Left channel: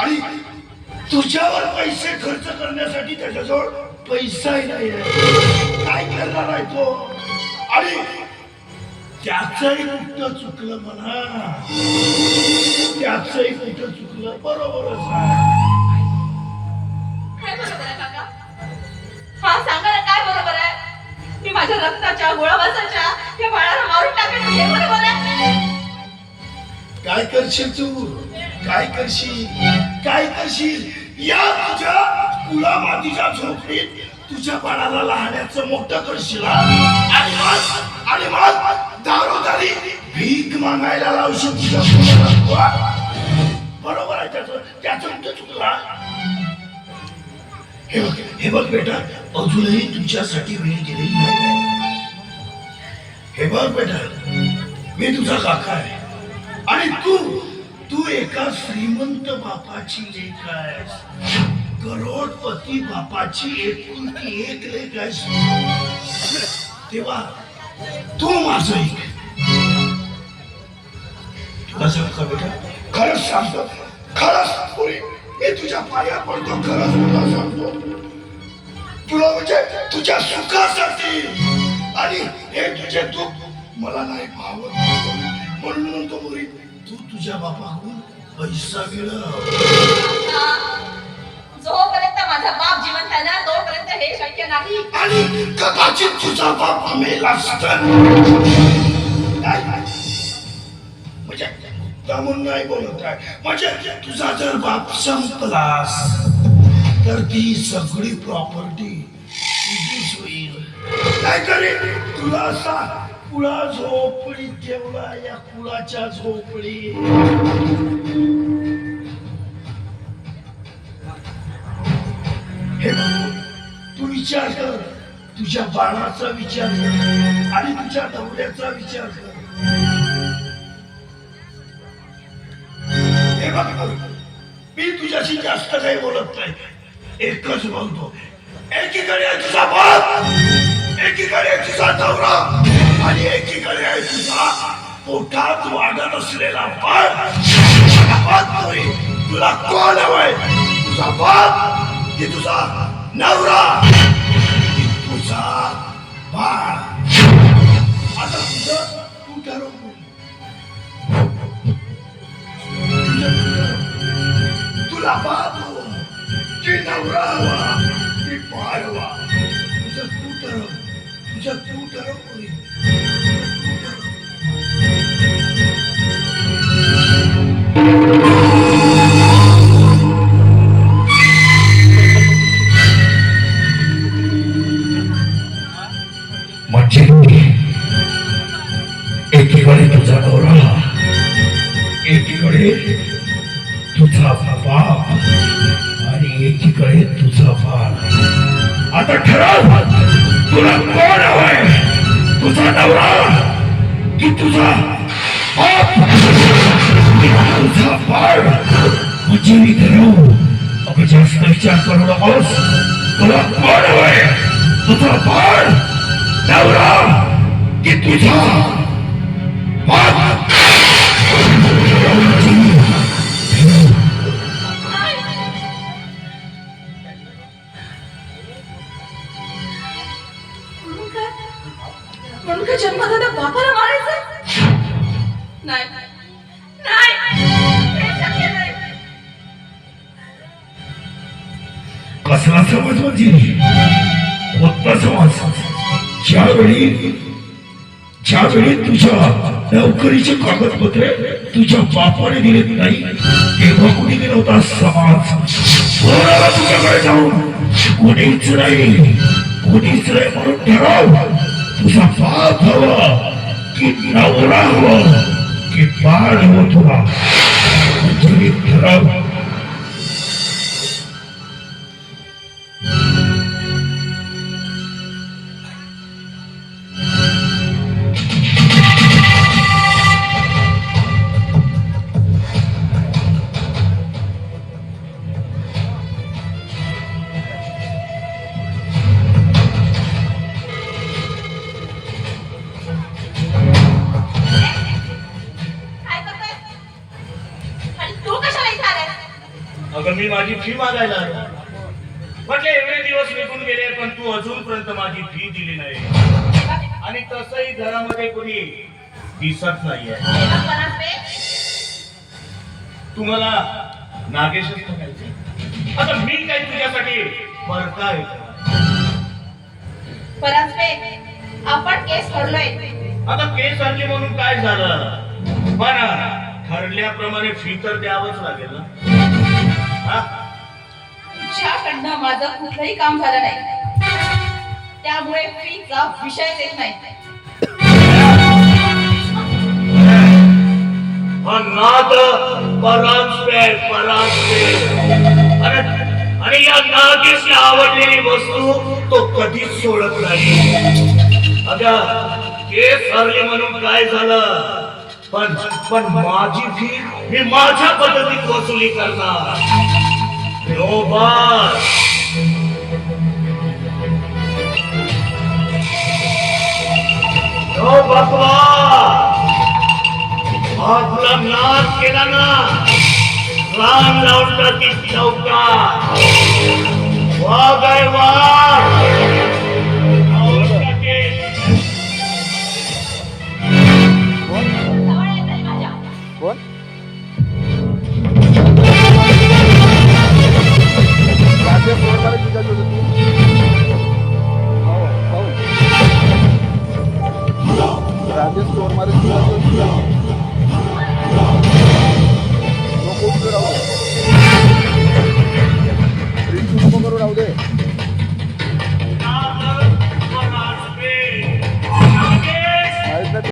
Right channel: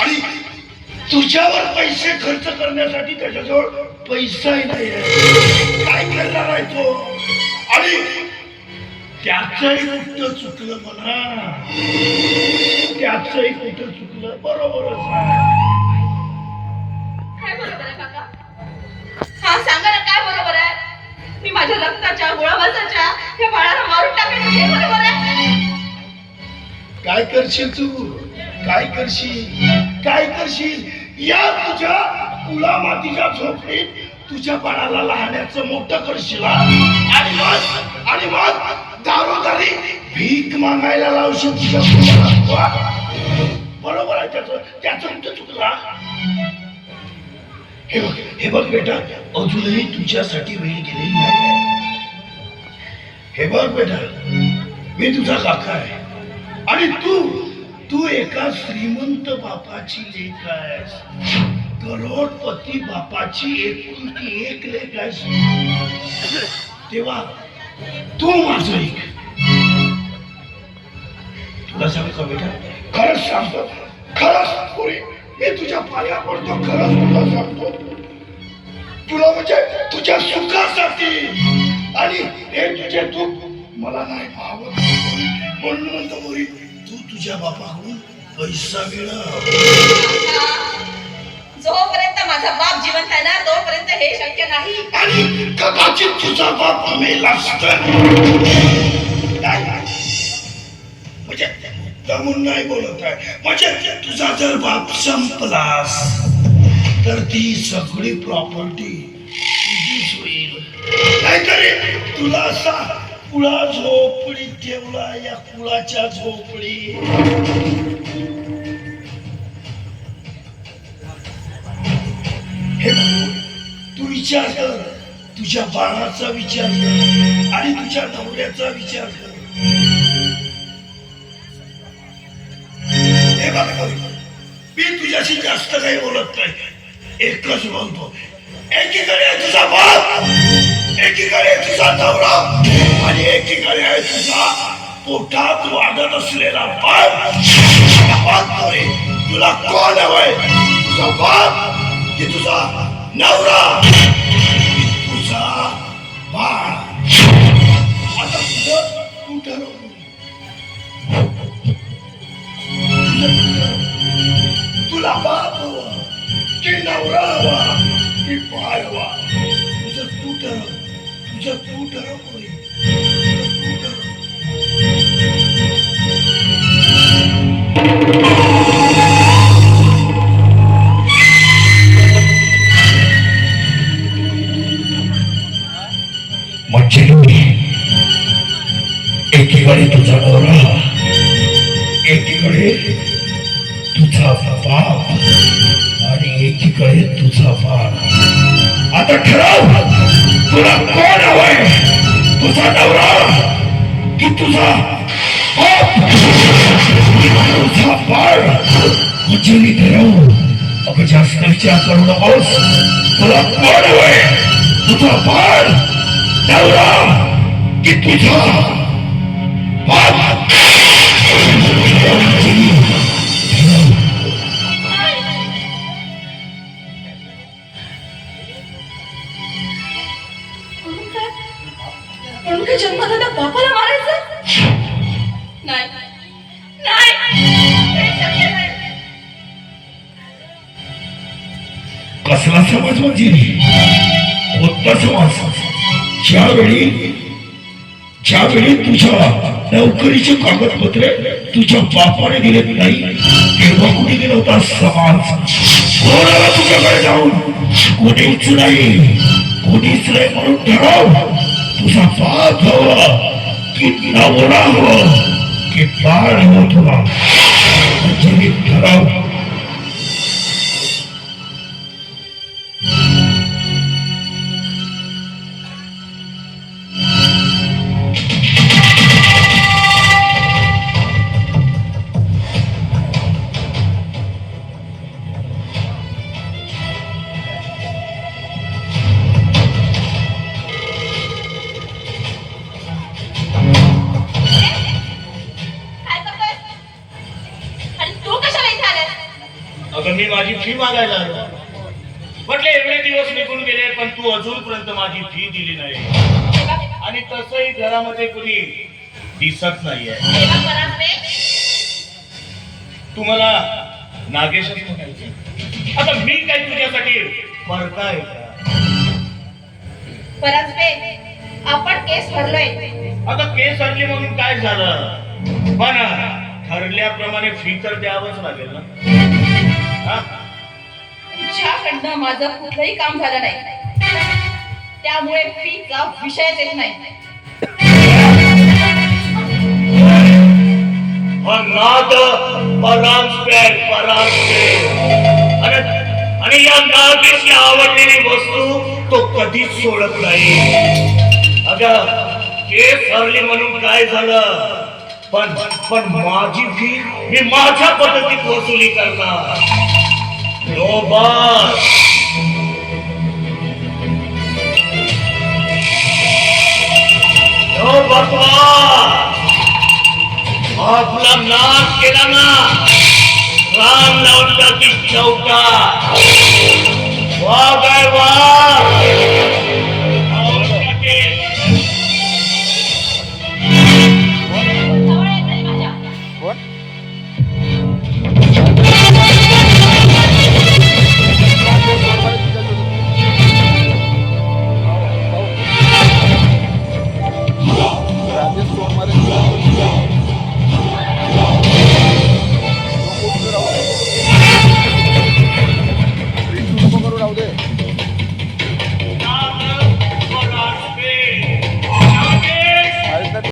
आणि तुझ्यावर पैसे खर्च करण्यासाठी त्याच्याजवळ पैसाही नाही. काय करणार आहे तो? आणि त्याचंही कुठं चुकलं म्हणा? त्याचंही कुठं चुकलं? बरोबरच हा सांगा ना काय बरोबर आहे? मी माझ्या रक्ताच्या बाळाला मारून बरोबर आहे? काय करशील तू? काय करशील? काय करशील? या तुझ्या कुला मातीच्या झोपडीत तुझ्या बाळाला लहाण्याचं मोठं करशील आणि मग आणि मग दारोदारी भीक मागायला लावशील तुझ्या मुलाला बरोबर आहे त्याचं त्याचं कुठं तुला. हे बघ हे बघ बेटा अजूनही तुझ्यासाठी वेळ गेलेली नाही. हे बघ बेटा मी तुझा काका आहे. आणि तू तू एका श्रीमंत बापाची लेख आहेस. करोडपती बापाची एकुलती एक लेख आहेस. तेव्हा तू माझं एक. तुला सांगतो बेटा खरंच सांगतो खरंच पुरी मी तुझ्या पाया पडतो खरंच तुला सांगतो. तुला म्हणजे तुझ्या सुखासाठी. आणि हे तुझे दुःख मला नाही पाहत म्हणून तो मुरी तू तुझ्या बापाकडून पैसा मिळव. जोपर्यंत माझा बाप जिवंत आहे ना तोपर्यंत हे शक्य नाही. आणि कदाचित तुझा बाप मेला म्हणजे दमून नाही बोलत आहे. म्हणजे तुझा जर बाप संपलास तर ती सगळी प्रॉपर्टी तुझीच होईल. नाहीतरी तुला असा कुळा झोपडी ठेवला या कुळाच्या झोपडी हे तू विचार कर तुझ्या बाळाचा विचार कर आणि तुझ्या नवऱ्याचा विचार कर हे बघ मी तुझ्याशी जास्त काही बोलत नाही एकच बोलतो एकीकडे तुझा बाप एकीकडे तुझा नवरा पोटात वाढत असलेला बाप बाप तुला कोण हवाय? तुझा बाप की तुझा नवरा? तुझा बाळ? आता तुझं कुठं तुला बाप हवा की नवरा हवा की बाळ हवा? तुझं तू ठरव तुझं तू ठरव एकीकडे तुझा नवरा एकीकडे तुझा बाप आणि एकीकडे तुझा बाप आता ठराव तुला कोण हवाय? तुझा नवरा की तुझा बाप की तुझा बाळ म्हणजे मी ठरव अगं जास्त विचार करू नकोस तुला कोण हवंय तुझा बाळ नवरा नाही. कसला समाज म्हणजे कोणता समाज ज्यावेळी ज्यावेळी तुझ्या नोकरीचे कागदपत्रे तुझ्या बापाने दिलेत नाही तेव्हा कुणी गेला होता समाज कोणाला तुझ्याकडे जाऊन. कुणीच नाही कुणीच नाही म्हणून ठराव. तुझा बाप हवा की नवरा हवा की बाळ हवं तुला म्हणजे ठरव अगं मी माझी फी मागायला आलो. म्हटले एवढे दिवस निघून गेले पण तू अजूनपर्यंत माझी फी दिली नाही. आणि तसंही घरामध्ये कुणी दिसत नाहीये. परांजपे तुम्हाला नागेशच म्हणायचे? आता मी काय तुझ्यासाठी परांजपे आपण केस भरलोय. आता केस आणली म्हणून काय झालं? पण ठरल्याप्रमाणे फी तर द्यावंच लागेल ना. हा? तुझ्याकडनं माझं कुठलंही काम झालं नाही. त्यामुळे फीचा विषय येत नाही. नाद आणि आणि या नादीची आवडलेली वस्तू तो कधीच सोडत नाही. अगं केस हरले म्हणून काय झालं? पण पण माझी फी मी माझ्या पद्धतीत वसुली करणार. नो बस नो बकवा आपला नाश केला ना राम लावला की चौका वाघ आहे वाघ